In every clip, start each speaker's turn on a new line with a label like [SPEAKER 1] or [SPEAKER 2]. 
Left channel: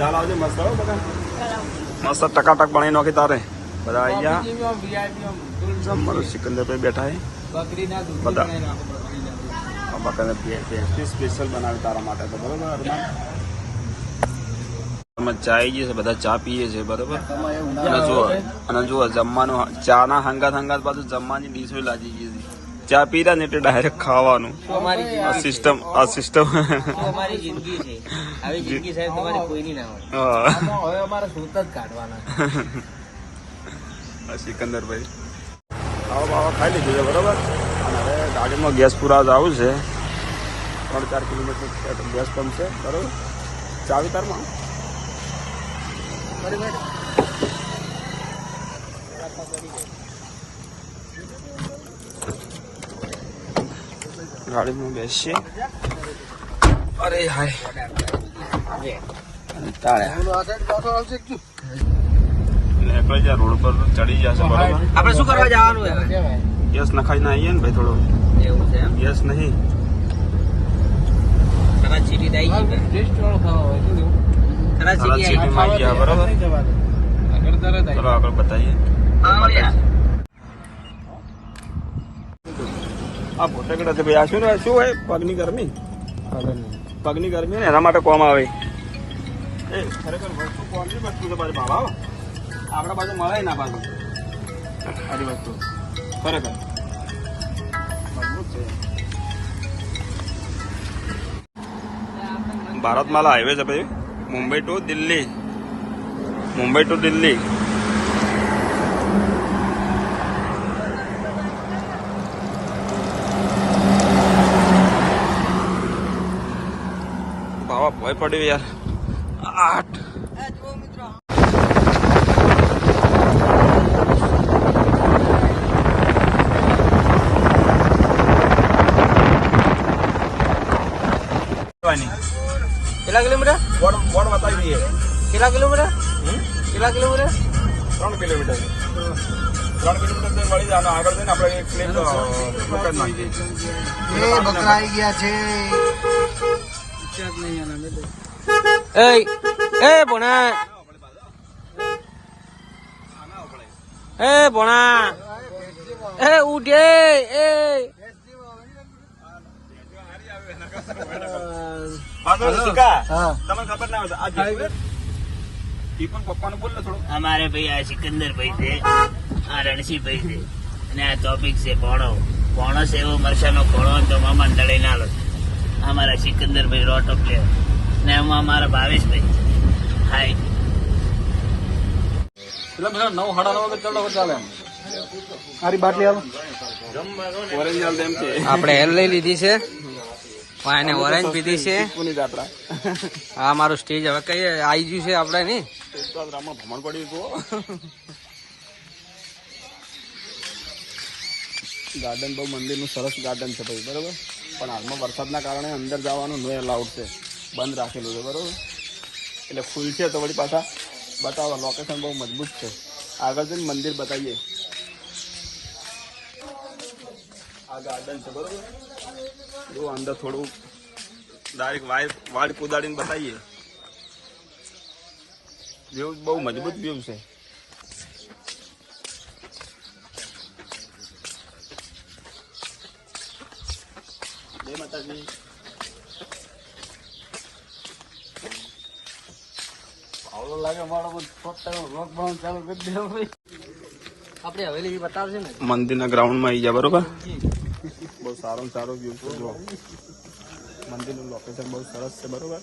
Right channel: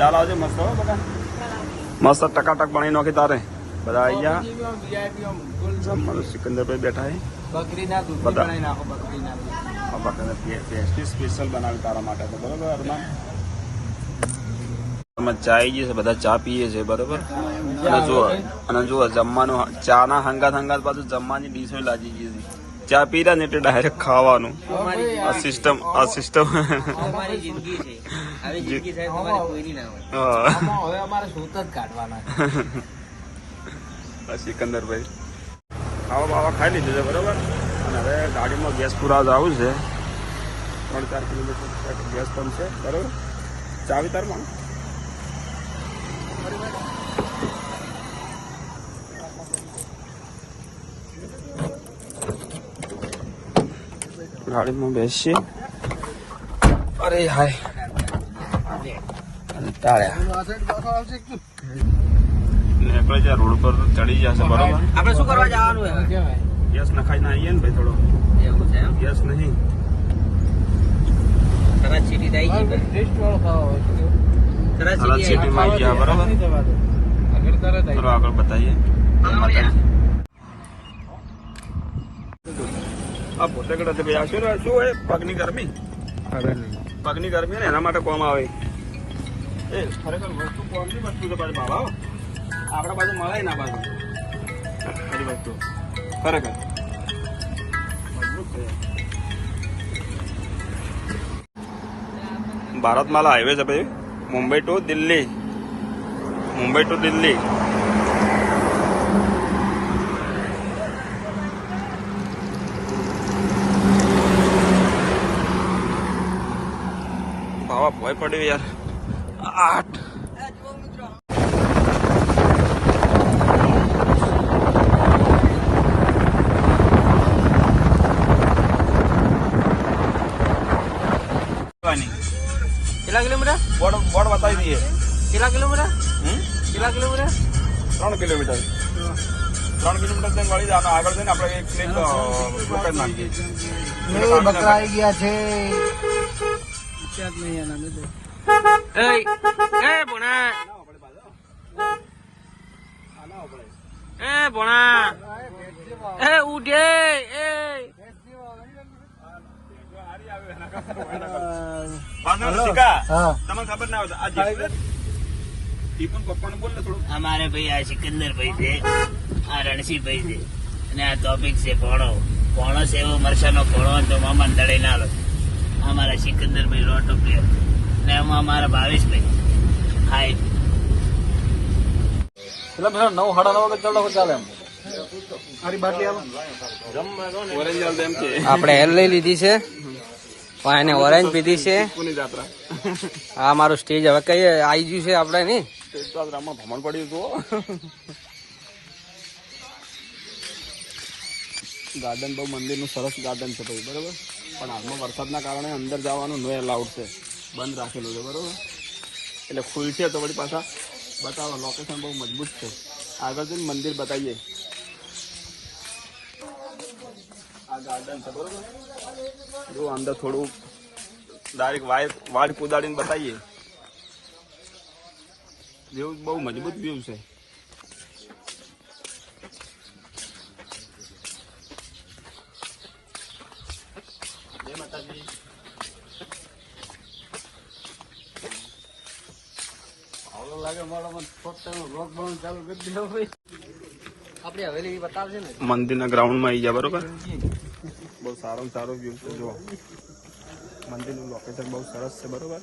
[SPEAKER 1] ચાલ આવજે મસ્ત હો બધા. મસ્ત ટકાટક બનાવી નાખી તારે. બધા ગયા. જમવાનું સિકંદરભાઈ બેઠા
[SPEAKER 2] હે.
[SPEAKER 1] બધા. આ પેસ્ટ્રી સ્પેશિયલ બનાવી તારા માટે તો બરોબર અરમાન? અમે ચા આવી છે બધા ચા પીએ છે બરોબર? અને જુઓ જમવાનું ચા ના હંગાત હંગાત પાછું જમવાની ડીશો લાગી ગઈ છે ચા પી ને એટલે ડાયરેક્ટ ખાવાનું. આ સિસ્ટમ આ સિસ્ટમ
[SPEAKER 2] જ.
[SPEAKER 1] સિકંદરભાઈ. ખાવા બાવા ખાઈ લીધું છે બરોબર? અને હવે ગાડીમાં ગેસ પૂરા આવું છે. ત્રણ ચાર કિલોમીટર ગેસ પંપ છે બરોબર? ચાવી તારમાં? ગાડીમાં બેસીએ અરે હાય. નીકળી જાય રોડ પર ચડી જશે બરાબર?
[SPEAKER 2] આપણે શું કરવા જવાનું
[SPEAKER 1] ગેસ નખાઈને આવીએ ને ભાઈ થોડો.
[SPEAKER 2] એવું છે યસ
[SPEAKER 1] ગેસ નહીં.
[SPEAKER 2] તરત ચીટી દઈ ટેસ્ટ વાળો ખાવા હોય શું કેવું તરત
[SPEAKER 1] તરતમાં ગયા બરાબર?
[SPEAKER 2] આગળ તરત
[SPEAKER 1] ચલો આગળ બતાવીએ જય માતાજી આ પોતે કે નથી ભાઈ. આ શું શું હોય? પગની ગરમી? પગની ગરમી એના માટે કોમ આવે. એ ખરેખર વસ્તુ કોમની વસ્તુ છે પાછી બાબા આપણા બાજુ મળે ના બાજુ બધી વસ્તુ. ખરેખર. મજબૂત છે. ભારતમાલા હાઈવે છે ભાઈ. મુંબઈ ટુ દિલ્હી. મુંબઈ ટુ દિલ્હી. બાવા પડ્યું યાર. આઠ.
[SPEAKER 2] કેટલા કિલોમીટર?
[SPEAKER 1] બોર્ડ બોર્ડ બતાવી દઈએ.
[SPEAKER 2] કેટલા કિલોમીટર?
[SPEAKER 1] હમ?
[SPEAKER 2] કેટલા કિલોમીટર?
[SPEAKER 1] ત્રણ કિલોમીટર. ત્રણ કિલોમીટર મળી જાય આગળ જઈને આપણે
[SPEAKER 2] બકરા આવી ગયા છે.
[SPEAKER 3] અમારે ભાઈ આ સિકંદર ભાઈ છે આ રણસી ભાઈ છે. અને આ ટોપિક છે પોણો પોણો સેવો એવો મરસાનો પોણો તો મામા દડે ના લો આ મારા સિકંદર ભાઈ રોટો પ્લેયર ને એમાં અમારા ભાવેશ ભાઈ હાય
[SPEAKER 1] હાલ. એમ
[SPEAKER 2] આપણે હેલ લઈ લીધી છે. એને ઓરેન્જ પીધી છે.
[SPEAKER 1] હા
[SPEAKER 2] આ મારું સ્ટેજ હવે કઈ આવી ગયું છે આપણે ની
[SPEAKER 1] ગાર્ડન બહુ મંદિરનું સરસ ગાર્ડન છે ભાઈ બરોબર? પણ હાલમાં વરસાદના કારણે અંદર જવાનું નો એલાઉડ છે. બંધ રાખેલું છે, બરોબર? એટલે ફૂલ છે તો વળી પાછા બતાવો લોકેશન બહુ મજબૂત છે. આગળ જઈને મંદિર બતાવીએ. આ ગાર્ડન છે, બરોબર? જો અંદર થોડું ડાયરેક્ટ વાયર વાડ કુદાડીને બતાવીએ. વ્યૂ બહુ મજબૂત વ્યૂ છે. જય દેવો
[SPEAKER 2] આપણે હવેલી બતાવશે ને.
[SPEAKER 1] મંદિરના ગ્રાઉન્ડમાં આવી જા બરોબર? બહુ સારો સારો વ્યૂ છે જો મંદિરનું લોકેશન બહુ સરસ છે બરોબર?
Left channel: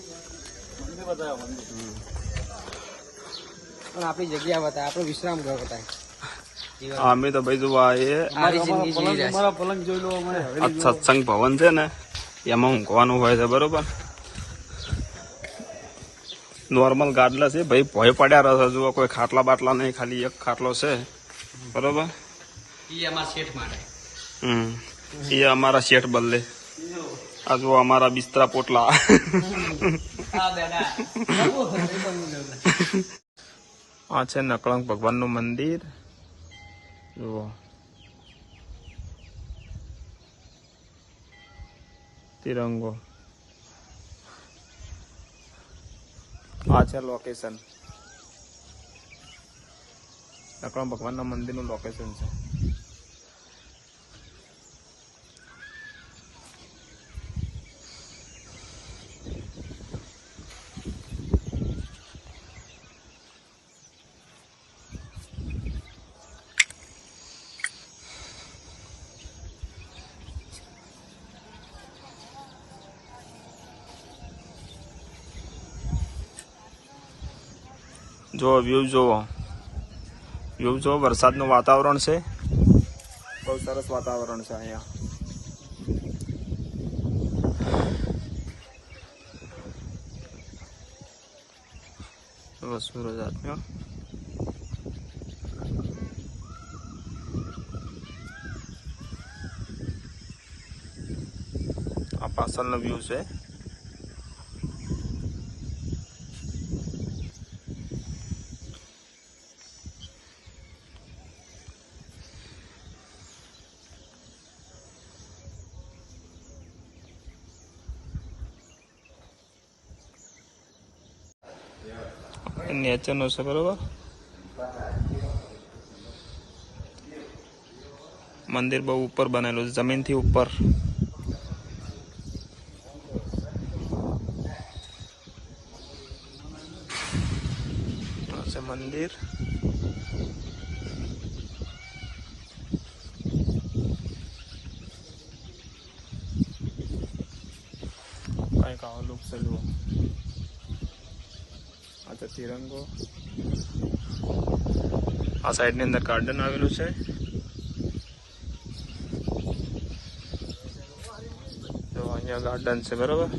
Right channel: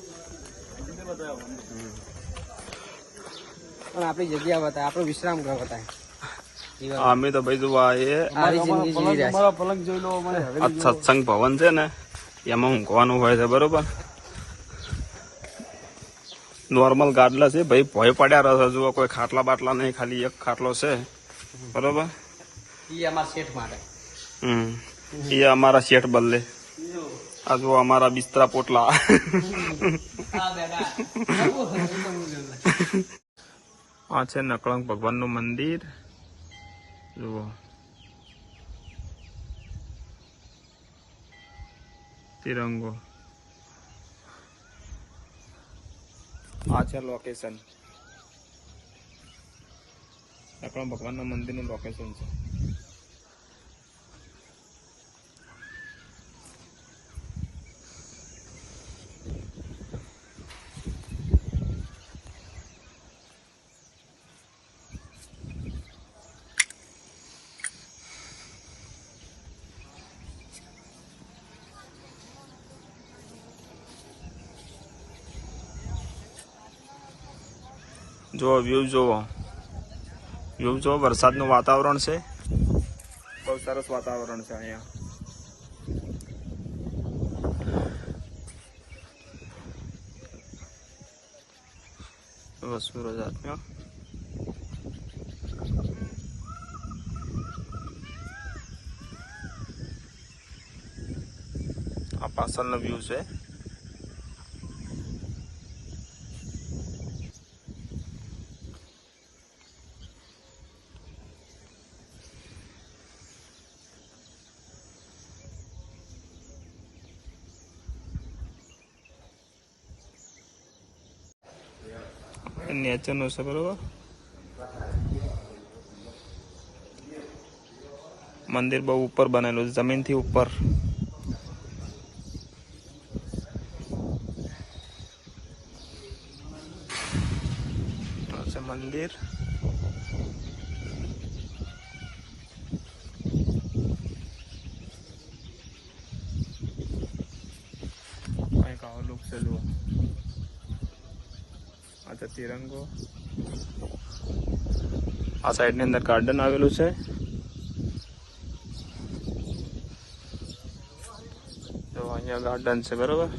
[SPEAKER 2] આપણી જગ્યા બતાવે આપણો વિશ્રામ ઘર બતાવે.
[SPEAKER 1] અમે તો ભાઈ જોવા એ સત્સંગ ભવન છે ને? એમાં ઊંઘવાનું હોય છે બરોબર? નોર્મલ ગાડલા છે. ભાઈ ભય પડ્યા રહે જુઓ કોઈ ખાટલા બાટલા નહીં ખાલી એક ખાટલો છે. બરોબર? હમ. એ અમારા શેઠ બદલે આ જુઓ અમારા બિસ્તરા પોટલા. આ છે નકળંગ ભગવાનનું મંદિર. જુઓ. તિરંગો આ છે લોકેશન નકળા ભગવાનના મંદિરનું લોકેશન છે. જો વ્યૂ જોવો. વ્યૂ જો, વરસાદનું વાતાવરણ છે. બહુ સરસ વાતાવરણ છે અહીંયા. સૂરજ આથમ્યો આ પાછળનો વ્યૂ છે. નેચરનો છે, બરોબર? મંદિર બહુ ઉપર બનેલું છે, જમીનથી ઉપર. છે મંદિર. કંઈક આવો લુક છે, જુઓ. આ તિરંગો. આ સાઈડની અંદર ગાર્ડન આવેલું છે. તો અહીંયા ગાર્ડન છે, બરોબર?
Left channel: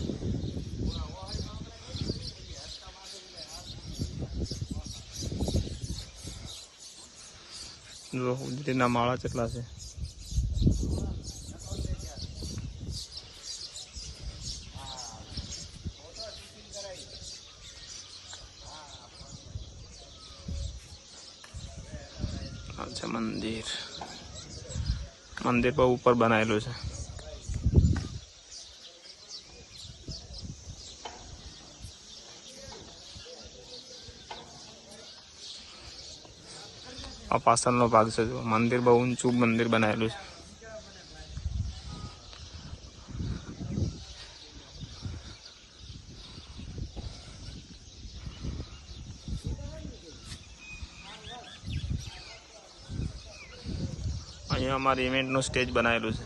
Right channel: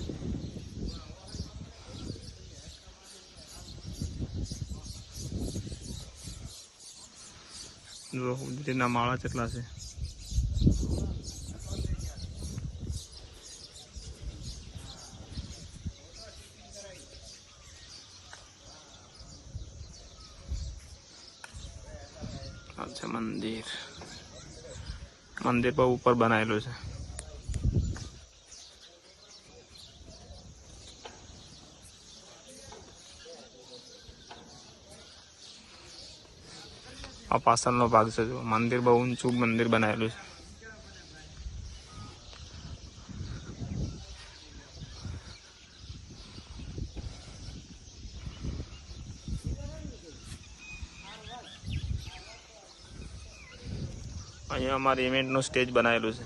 [SPEAKER 1] ઉદરીના માળા કેટલા છે. મંદિર. મંદિર બહુ ઉપર બનાવેલું છે. આ પાછળનો ભાગ છે મંદિર બહુ ઊંચું મંદિર બનાવેલું છે અહીંયા અમારી ઇવેન્ટનું સ્ટેજ બનાવેલું છે.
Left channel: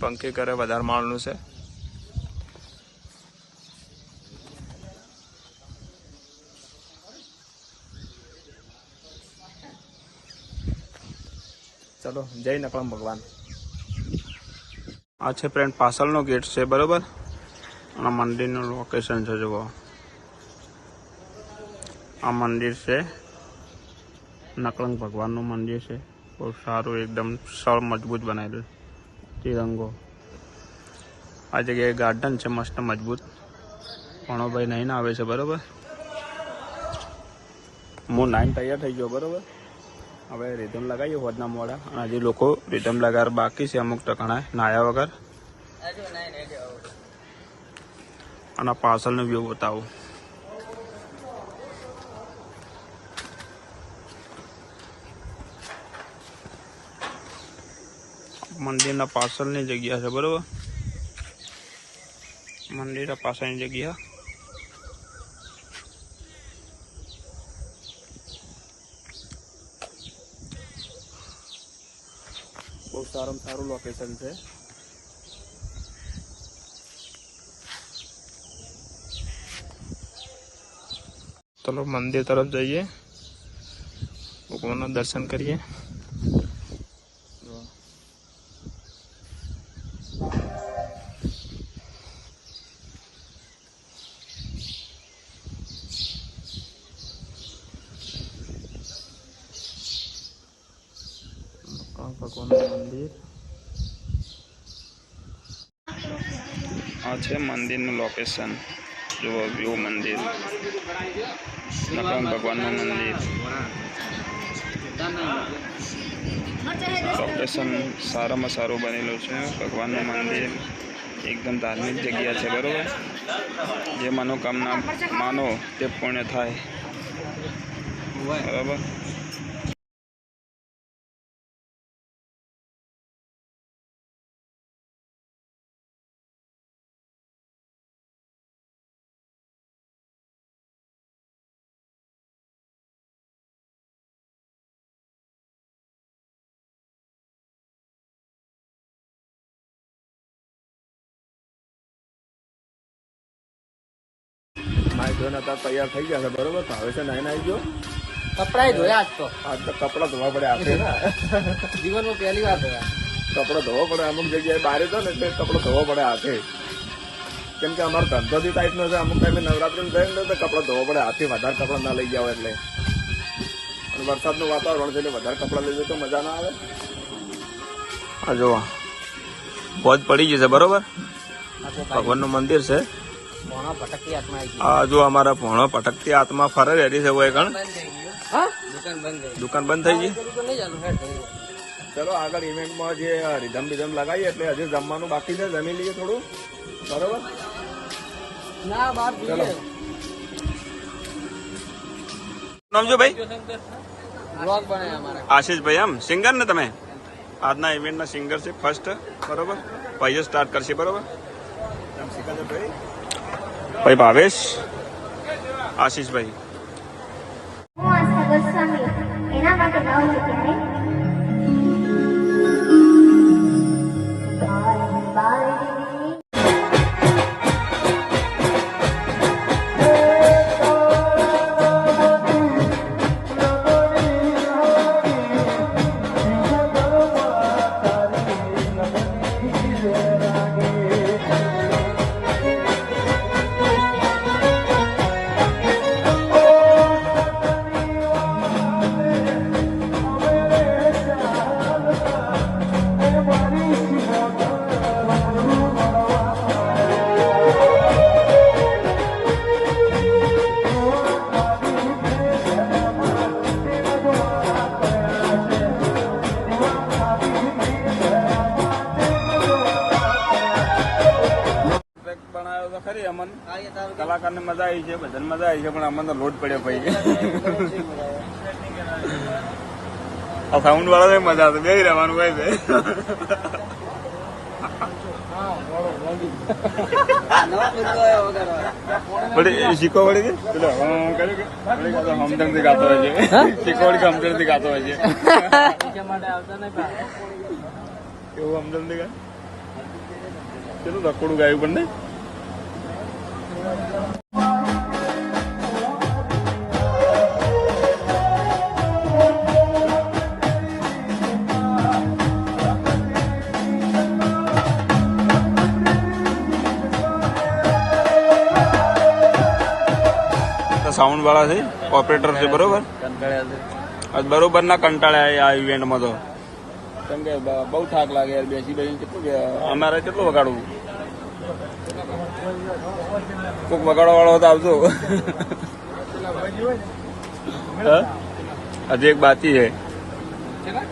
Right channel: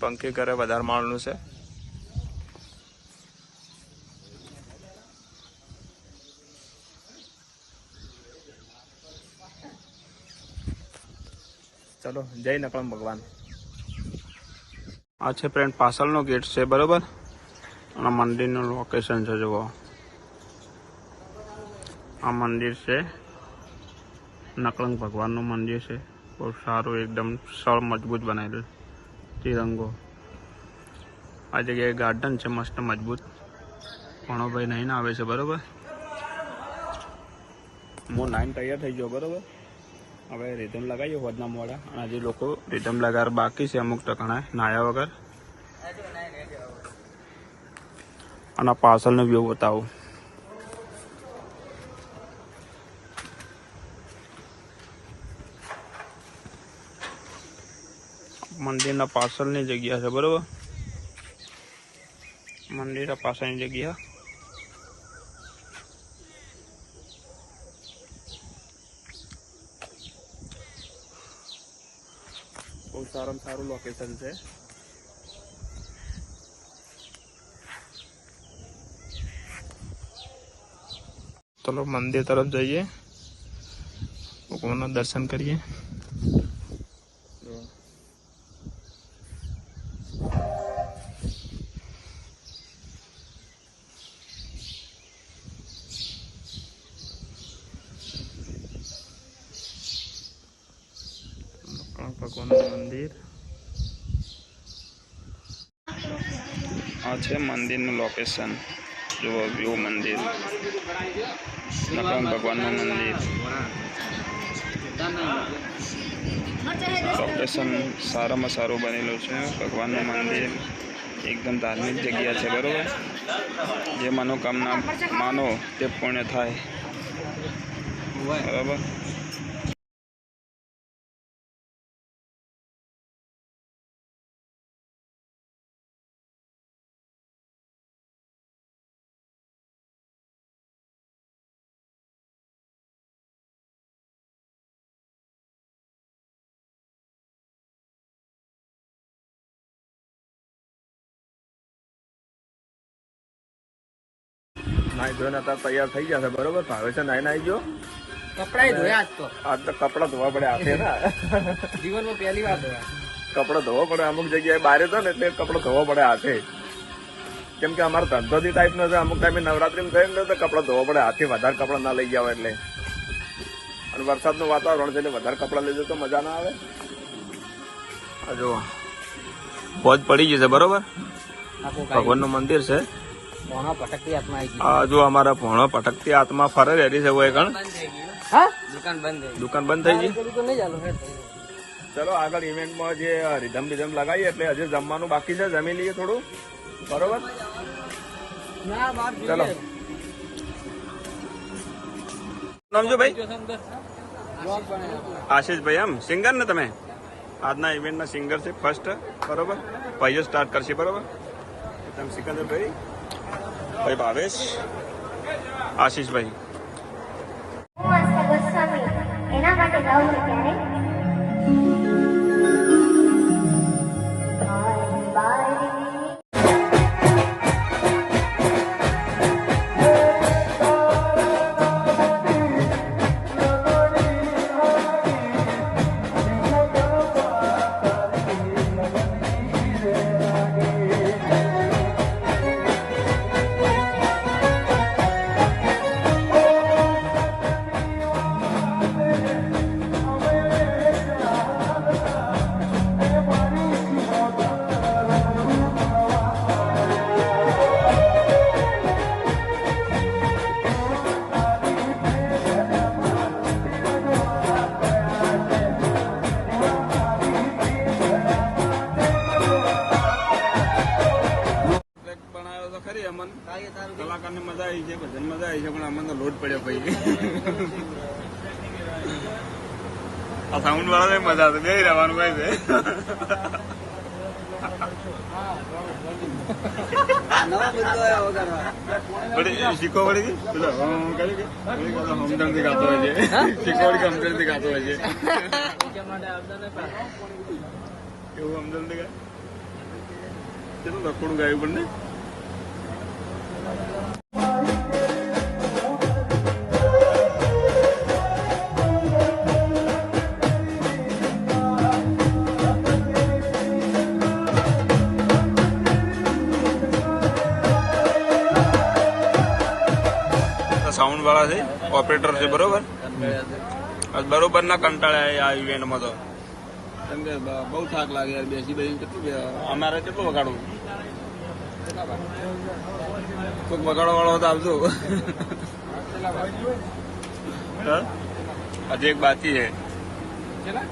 [SPEAKER 1] પંખી કરે, વધારે માળનું છે. ચલો, જય નકળમ ભગવાન. આ છે ફ્રેન્ડ પાછળનો ગેટ છે, બરોબર? અને મંદિરનું લોકેશન છે, જુઓ. આ મંદિર છે. નકળંગ ભગવાનનું મંદિર છે. બહુ સારું એકદમ સળ મજબૂત બનાવેલું તિરંગો. આ જગ્યાએ ગાર્ડન છે, મસ્ત મજબૂત. ભણોભાઈ નહીં આવે છે, બરાબર? હું નાઈન તૈયાર થઈ ગયો, બરાબર? હવે રિધમ લગાવીએ હોદના મોડા. અને હજી લોકો રિધમ લગાર બાકી છે અમુક ટકાણા નાયા વગર. અને પાર્સલનો વ્યૂ બતાવું. મંદિરના પાછળની જગ્યા છે બરોબર મંદિરના પાછળની જગ્યા બહુ સારામાં સારું લોકેશન છે ચલો મંદિર તરફ જઈએ ભગવાનના દર્શન કરીએ આ ભગવાનનું મંદિર. આ છે મંદિરનું લોકેશન જુઓ વ્યૂ મંદિર. નકમ ભગવાનનું મંદિર. લોકેશન સારામાં સારું બનેલું છે. ભગવાનનું મંદિર એકદમ ધાર્મિક જગ્યા છે, બરોબર? જે મનોકામના માનો તે પૂર્ણ થાય. બરાબર? નાઈ ધોઈને અત્યારે તૈયાર થઈ ગયા છે બરોબર? ભાવે છે નાઈ નાઈ ગયો
[SPEAKER 2] કપડા ધોયા આજ તો.
[SPEAKER 1] આજ તો કપડાં ધોવા પડે હાથે ને.
[SPEAKER 2] જીવનમાં પહેલી વાર ધોયા.
[SPEAKER 1] કપડા ધોવા પડે અમુક જગ્યાએ બહાર તો ને એટલે કપડા ધોવા પડે હાથે. કેમ કે અમારો ધંધો બી ટાઈપનો છે અમુક ટાઈમે નવરાત્રીમાં થાય ને તો કપડા ધોવા પડે હાથે વધારે કપડા ના લઈ જાવ એટલે. અને વરસાદનું વાતાવરણ છે એટલે વધારે કપડાં લઈ તો મજા ના આવે. જો ભોજ પડી જશે છે બરોબર? ભગવાનનું મંદિર છે. આ જો અમારા પોણો ભટકતી આત્મા ફરે રેડી છે હોય કણ?
[SPEAKER 2] બંધ થઈ ગયું. હા? દુકાન બંધ થઈ
[SPEAKER 1] દુકાન બંધ થઈ ગઈ?
[SPEAKER 2] ચાલુ
[SPEAKER 1] આગળ ઇવેન્ટમાં જે રિધમ બિધમ લગાવીએ એટલે હજુ જમવાનું બાકી છે જમી લઈએ થોડું. બરોબર? ચલો. નામ જો ભાઈ? આશીષભાઈ એમ? સિંગર ને તમે? આજના ઇવેન્ટના સિંગર છે ફર્સ્ટ બરોબર? ભાઈઓ સ્ટાર્ટ કરશે બરોબર? તમે સિકંદરભાઈ ભાઈ ભાવેશ આશીષભાઈ
[SPEAKER 4] એના માટે
[SPEAKER 1] કલાકારને મજા આવી છે ભજન મજા આવી છે, પણ અમને તો લોટ પડ્યો ભાઈ. આ સાઉન્ડ વાળા મજા આવે બે રહેવાનું ભાઈ શીખવાડી હમદર્દી ગાતો હોય છે. શીખો વળી તો ગાતો હોય છે. એવું હમદર્દી ગાય? ગાયું પણ નહીં? સાઉન્ડ વાળા છે ઓપરેટર છે બરોબર? બરોબર ના કંટાળ્યા આ ઇવેન્ટમાં તો. કેમ કે બહુ થાક લાગે યાર બેસી બેસી કેટલું કે- અમારે કેટલું વગાડવું? કોઈક વગાડવા વાળો તો આવજો? હજી એક બાકી છે. જમીન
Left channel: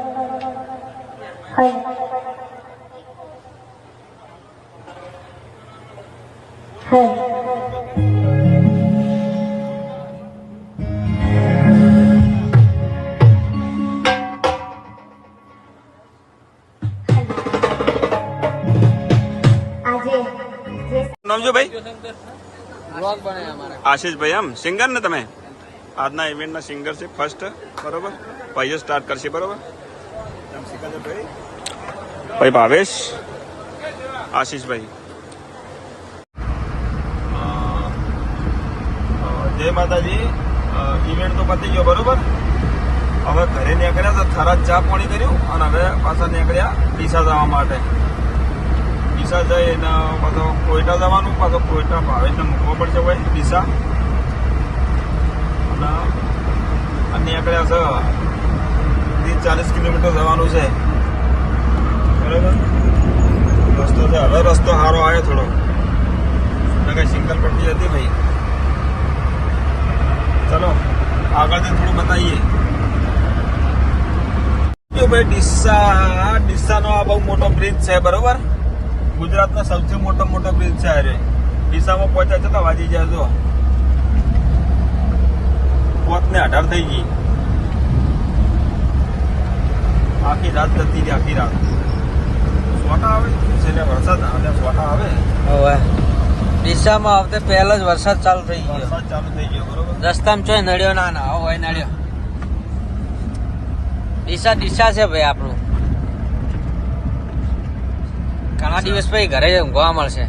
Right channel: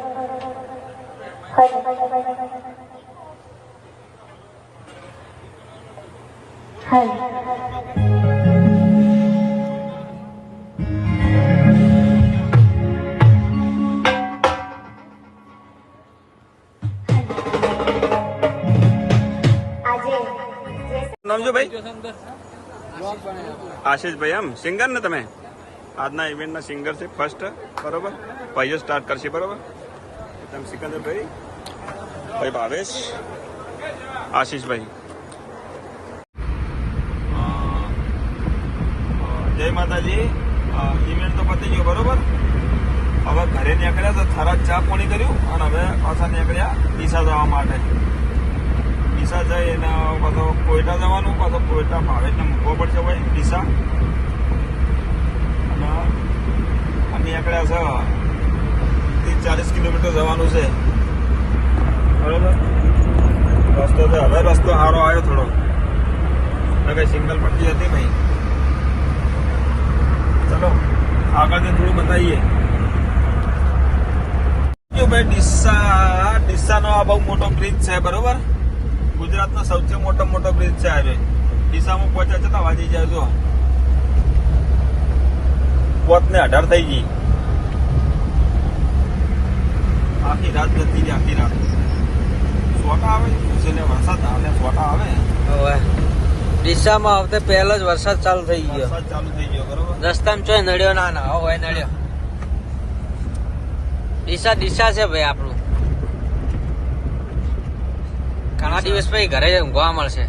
[SPEAKER 4] આજે જે
[SPEAKER 1] નામ જો ભાઈ
[SPEAKER 2] બ્લોગ બનાવ્યો
[SPEAKER 1] આશીષભાઈ એમ સિંગર ને તમે? આજના ઇવેન્ટના સિંગર છે ફર્સ્ટ બરોબર? ભાઈઓ સ્ટાર્ટ કરશે, બરોબર? તમે સિકંદરભાઈ. ભાઈ ભાવેશ. આશીષભાઈ. જય માતાજી. ઇવેન્ટ તો પતી ગયો બરોબર? હવે ઘરે નીકળ્યા તો થરા ચા પાણી કર્યું અને હવે પાછા નીકળ્યા ડીસા જવા માટે. ડીસા જઈને પાછો કોયટા જવાનું પાછો કોયટા ભાવેશને મૂકવો પડશે ભાઈ ડીસા અને નીકળ્યા છે ચાલીસ કિલોમીટર જવાનું છે. બરાબર? રસ્તો છે. હવે રસ્તો સારો આવ્યો થોડો. કઈ સિંગલ પટ્ટી હતી ભાઈ ચલો આગળ થોડું બતાવીએ. ભાઈ, ડીસા, ડીસાનો આ બહુ મોટો બ્રિજ છે, બરોબર? ગુજરાતનો સૌથી મોટો મોટો બ્રિજ છે આજે. ડીસામાં પહોંચ્યા છતાં વાજી જાય જો પોત ને અઢાર થઈ ગઈ. આખી રાત જતી ગઈ આખી રાત. સોટા આવે? છેલ્લે વરસાદ આવે સોટા આવે?
[SPEAKER 2] હવે. દિશામાં આવતે પહેલો જ વરસાદ ચાલુ થઈ ગયો.
[SPEAKER 1] ચાલુ થઈ ગયો બરોબર?
[SPEAKER 2] રસ્તામાં ચોય નડ્યો ના ના હોય નડ્યો દિશા દિશા છે ભાઈ આપણું. ઘણા દિવસ પછી ઘરે ઊંઘવા મળશે.